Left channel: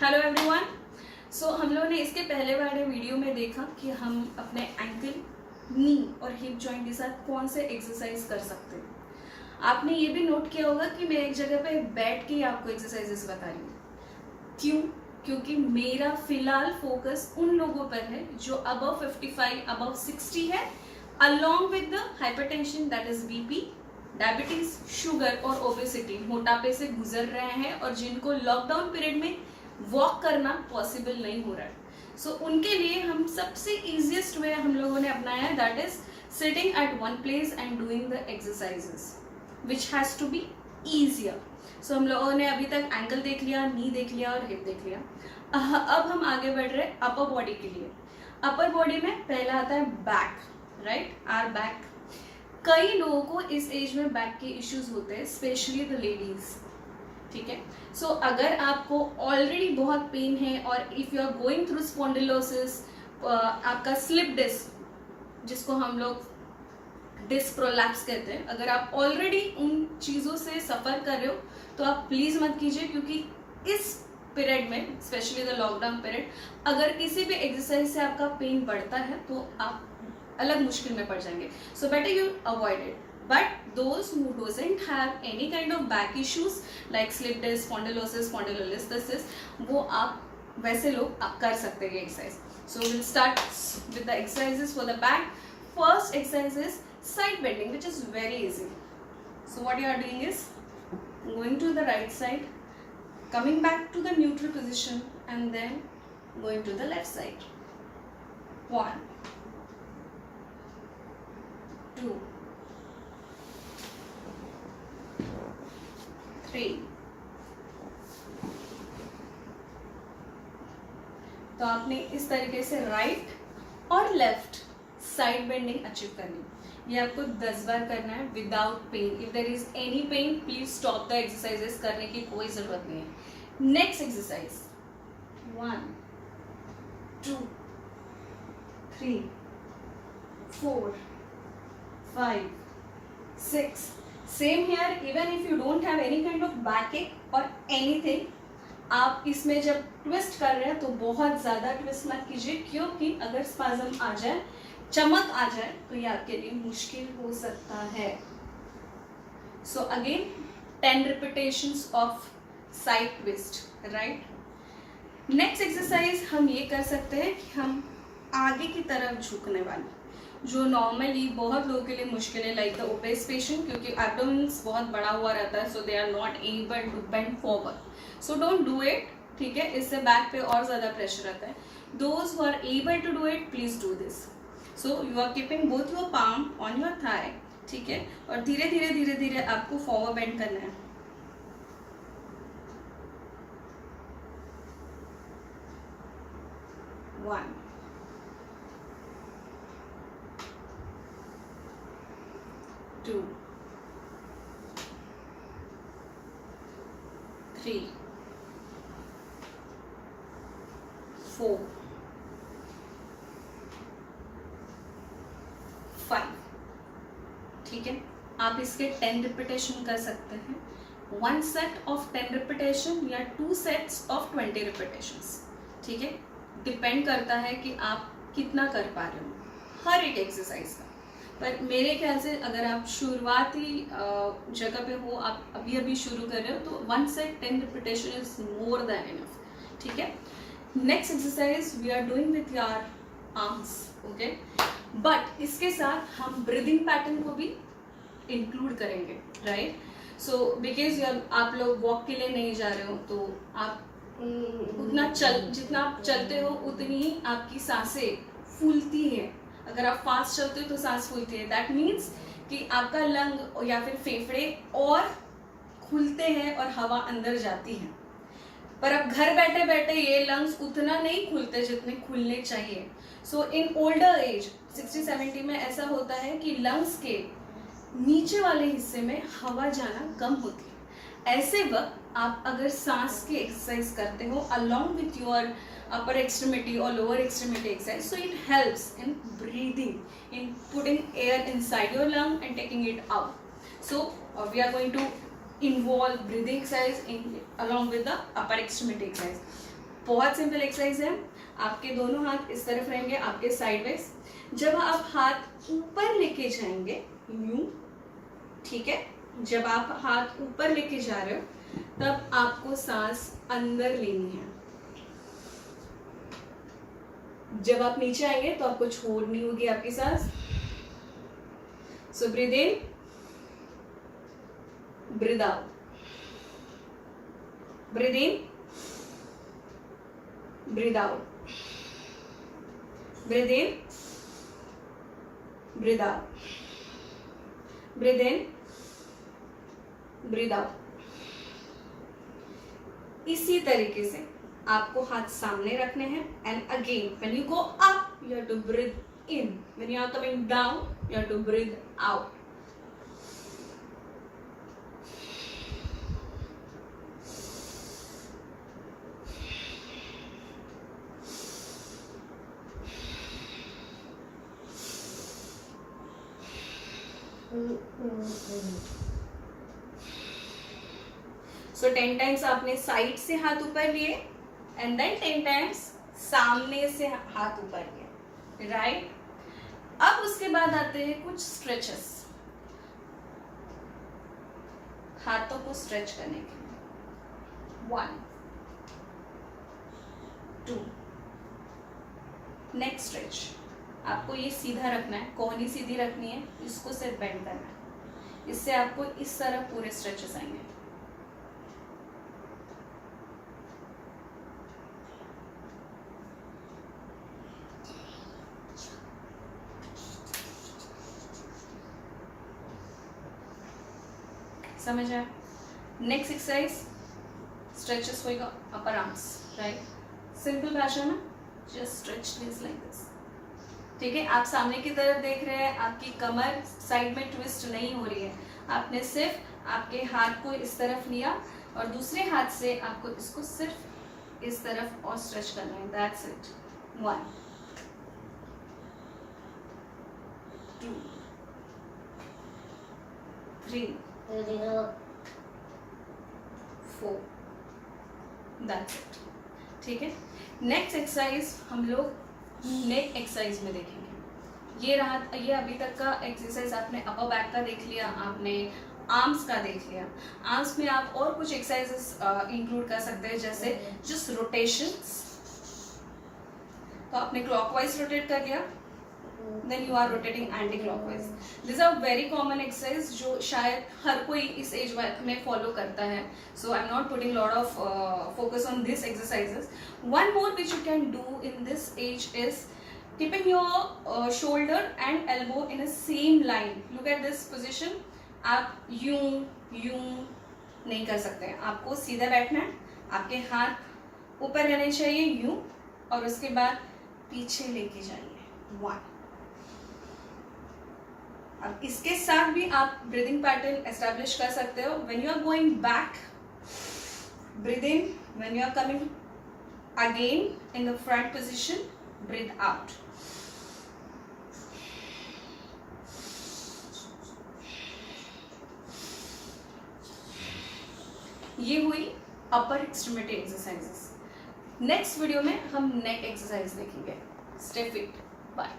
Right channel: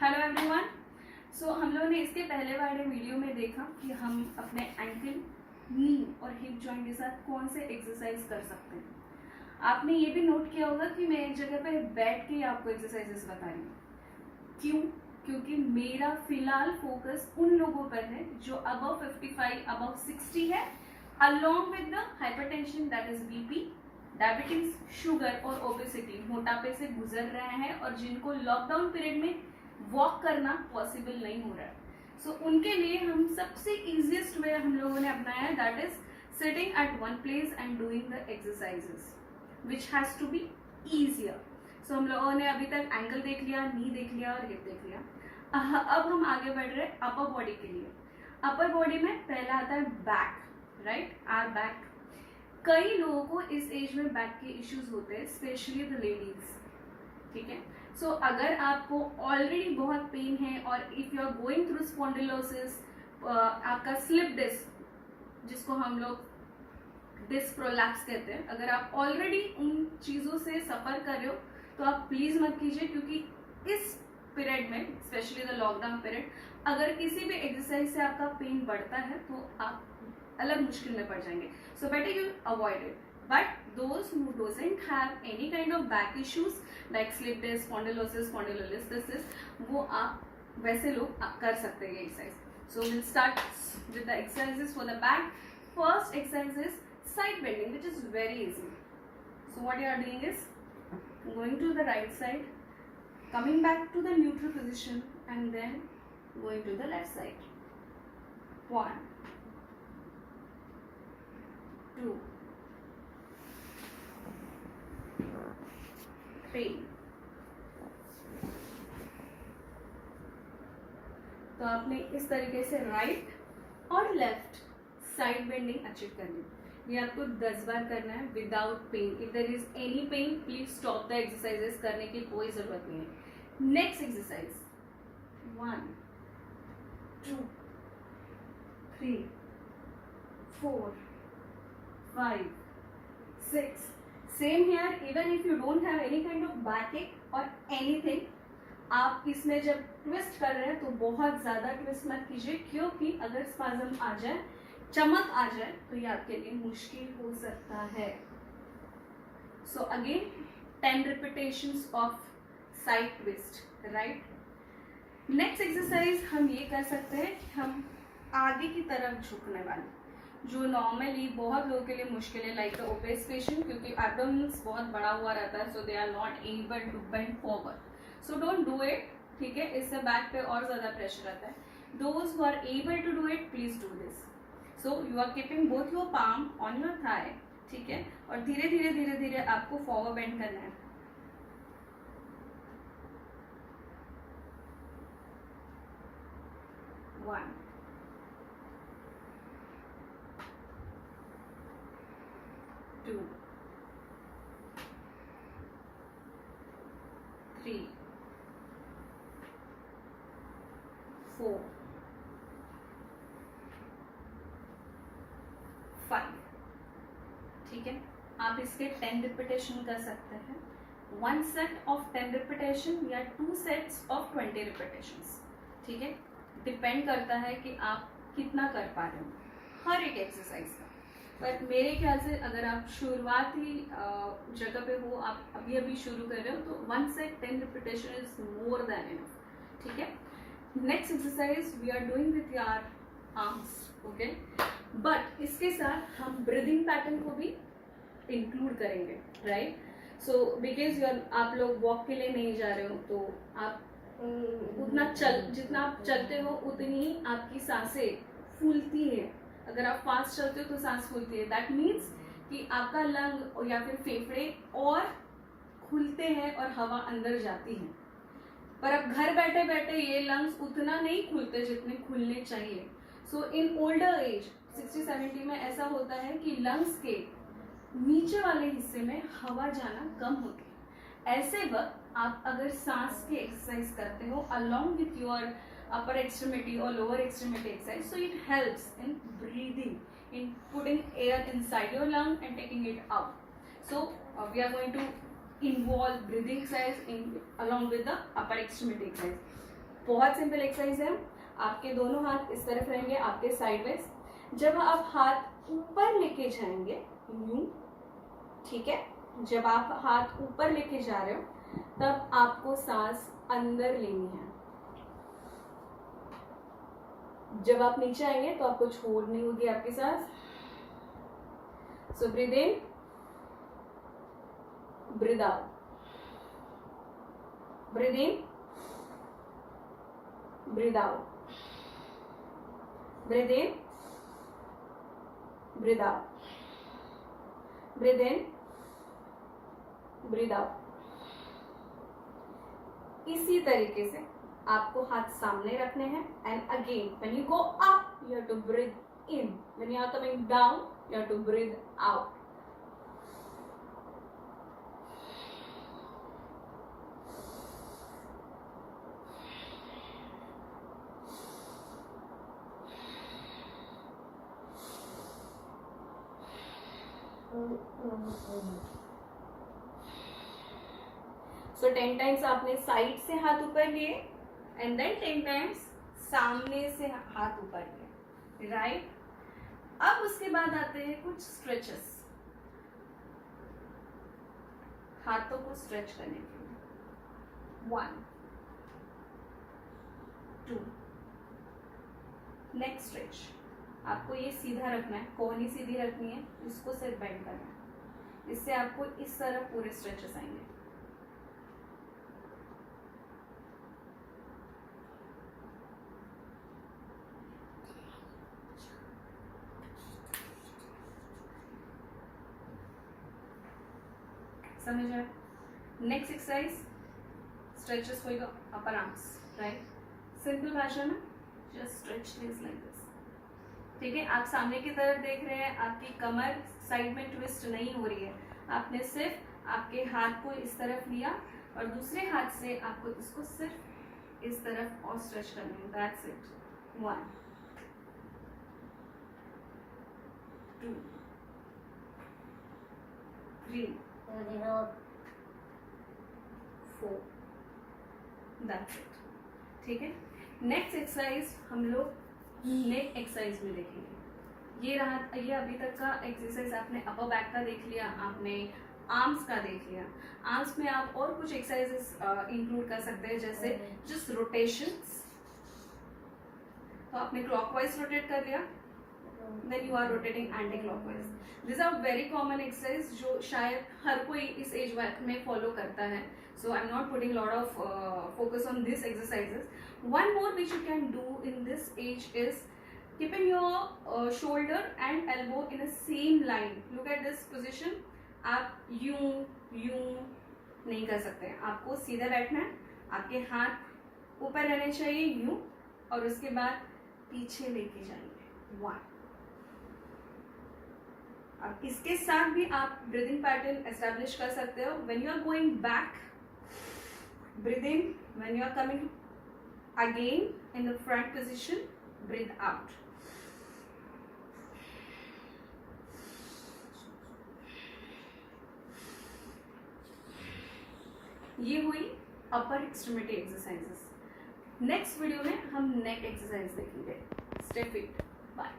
Hello everyone. सो हम लोगों ने इसके पहले वाले वीडियो में देखा कि हम अपने एंकल, नी और हिप जॉइंट के साथ कौन से एक्सरसाइज कर सकते हैं। आपने ये भी नोट किया होगा कि मैं एक जगह पे बैठ के आपको एक्सरसाइजेस बता रही हूँ। क्यों? क्योंकि मेरा फिलहाल फोकस उन लोगों पर है जो अबव 55, अबव 60 है, along with the hypertension that is BP, diabetes, sugar और ओबेसिटी, मोटापे से गुजर रहे हैं और जिनको लॉकडाउन पीरियड में वॉक करना पॉसिबल नहीं हो रहा है। सो उनके लिए हम सबसे इजिएस्ट वे हम लोगों ने अपनाया है, that is sitting at one place and doing the exercises which has to be easier. So हम लोगों ने अभी तक एंकल देख लिया, नी देख लिया और हिप देख लिया। अब हम आगे बढ़ रहे हैं अपर बॉडी के लिए। अपर बॉडी में पहला आता है बैक, राइट, आर बैक। कई लोगों को इस एज में बैक के इश्यूज होते हैं, स्पेशली द लेडीज, ठीक है। सो अगर आपको ऑलरेडी बहुत पेन है और if you are going through spondylosis, आपका स्लिप डिस्क जिसको हम लोग डिस्क प्रोलैप्स कहते हैं, अगर आप ऑलरेडी उन चीज़ों से सफ़र कर रहे हो तो आप प्लीज़ मत कीजिए, क्योंकि इस पीरियड में, स्पेशली द लॉकडाउन पीरियड, अगर किसी भी एक्सरसाइज से आपका पेन बढ़ता है तो आप अलग मुश्किल में पड़ जाएंगे। So better you avoid it. But those who doesn't have any kind of back issues like slip disc, spondylolisthesis, वो आप वैसे लोग आप कर सकते हैं exercise. So we'll start with the exercises for the back. First exercise is side bending, which is very easy. So what you are doing is going to the right side, coming back to the neutral position, and then going to the left side. 1, 2, 3। तो आपने इस तरीके से right और left side bending achieve करनी। ये आपको 10 बार करना है without pain. If there is any pain, please stop the exercises, करने की कोई जरूरत नहीं है। Next exercise 1, 2, 3, 4, 5, 6। Same here, even if you don't have any kind of backache और एनीथिंग, आप इसमें जब ट्विस्ट कर रहे हैं तो बहुत ज़्यादा ट्विस्ट मत कीजिए, क्योंकि अगर स्पाज्म आ जाए, चमक आ जाए, तो ये आपके लिए मुश्किल हो सकता है। So again 10 repetitions of side twist, right. Next exercise हम ये कर सकते हैं कि हम आगे की तरफ झुकने वाले, जो नॉर्मली बहुत लोगों के लिए मुश्किल है, लाइक द ओबेस पेशेंट, क्योंकि एब्डोमेन्स बहुत बड़ा हुआ रहता है, so they are not able to bend forward. So don't do it, ठीक है, इससे बैक पे और ज़्यादा प्रेशर आता है। Those who are able to do it, please do this. So you are keeping both your palm on your thigh, ठीक है, और धीरे धीरे धीरे धीरे आपको फॉरवर्ड बेंड करना है। 1, 2, 3, 4, 5, ठीक है। आप इसके 10 रिपीटेशन कर सकते हैं। 1 सेट ऑफ 10 रिपीटेशन या 2 सेट्स ऑफ 20 रिपीटेशंस, ठीक है, डिपेंड करता है कि आप कितना कर पा रहे हो हर एक एक्सरसाइज का। पर मेरे ख्याल से अगर आप शुरुआती जगह पे हो, आप अभी अभी शुरू कर रहे हो, तो 1 set 10 repetition is more then enough, ठीक है। Next exercise we are doing with your arms, okay, but इसके साथ हम ब्रीदिंग पैटर्न को भी इंक्लूड करेंगे, राइट। सो बिकॉज आप लोग वॉक के लिए नहीं जा रहे हो, तो आप उतना जितना आप चलते हो उतनी ही आपकी सांसें फूलती हैं। अगर आप फास्ट चलते हो तो सांस फूलती है, दैट मीन्स कि आपका लंग या फिर फेफड़े और खुलते हैं और हवा अंदर जाती है। पर अब घर बैठे बैठे ये लंग्स उतना नहीं खुलते जितने खुलने चाहिए। सो इन ओल्डर एज 60-70 में ऐसा होता है कि लंग्स के नीचे वाले हिस्से में हवा जाना कम होती है। ऐसे वक्त आप अगर सांस की एक्सरसाइज करते हो along with your upper extremity or lower extremity exercise, so it helps in breathing, in putting air inside your lung and taking it out. So we are going to involve breathing exercise along with the upper extremity exercise. बहुत simple exercise है। आपके दोनों हाथ इस तरफ रहेंगे, आपके sideways. जब आप हाथ ऊपर लेके जाएंगे यूं, ठीक है, जब आप हाथ ऊपर लेके जा रहे हो तब आपको सांस अंदर लेनी है। जब आप नीचे आएंगे तो आपको छोड़नी होगी आपकी सांस। So breathe in, breathe out, breathe in, breathe out, breathe in, breathe out, breathe in, breathe out. इसी तरीके से आपको हाथ सामने रखने हैं। And again when you go up you have to breathe in, when you are coming down you have to breathe out. So 10 times आपने side से हाथ ऊपर लिए एंड देन 10 टाइम्स सामने से हाथ ऊपर लिए, राइट। अब उसके बाद आते हैं कुछ स्ट्रेचेस, हाथों को स्ट्रेच करने के लिए। 1 2, नेक्स्ट स्ट्रेच। आपको ये सीधा रखना है, कोहनी सीधी रखनी है, इसको सिर्फ बेंड करना है। इससे आपको इस तरह पूरे स्ट्रेचेस आएंगे। समझ आया? नेक्स्ट एक्सरसाइज स्ट्रेचेस होएगा अपर आर्म्स, राइट। सिंपल भाषा में just stretch this like this, ठीक है। आप सामने की तरफ देख रहे हैं, आपकी कमर साइड में ट्विस्ट नहीं हो रही है। आपने सिर्फ आपके हाथ को इस तरफ लिया और दूसरे हाथ से आपको इसको सिर्फ इस तरफ और स्ट्रेच करना है, दैट्स इट। 1 2 3 4, दैट्स इट, ठीक है। नेक्स्ट एक्सरसाइज हम लोग नेक एक्सरसाइज में देखेंगे। ये रहा, ये अभी तक का एक्सरसाइज आपने अपर बैक का देख लिया, आपने आर्म्स का देख लिया। आर्म्स में आप और कुछ एक्सरसाइजेस इंक्लूड कर सकते हैं, जैसे जस्ट रोटेशंस। तो आपने क्लॉकवाइज रोटेट कर लिया, then you are rotating anti-clockwise. These are very common exercise जो शायद हर कोई इस एज में फॉलो करता है. So I'm not putting lot of focus on these exercises. One more which you can do in this age is keeping your shoulder and elbow in a same line. Look at this position. आप यूं नहीं कर सकते, आपको सीधा बैठना है, आपके हाथ ऊपर रहने चाहिए यूं, और उसके बाद पीछे लेके जाइए 1. अब इसके साथ भी आप ब्रीदिंग पैटर्न एस्टैब्लिश कर सकते हो. When you are going back, breathe in. When you are coming again in the front position, breathe out. ये हुई upper extremity exercises. Next video में हम नेक एक्सरसाइज देखेंगे. Stay fit. बाय.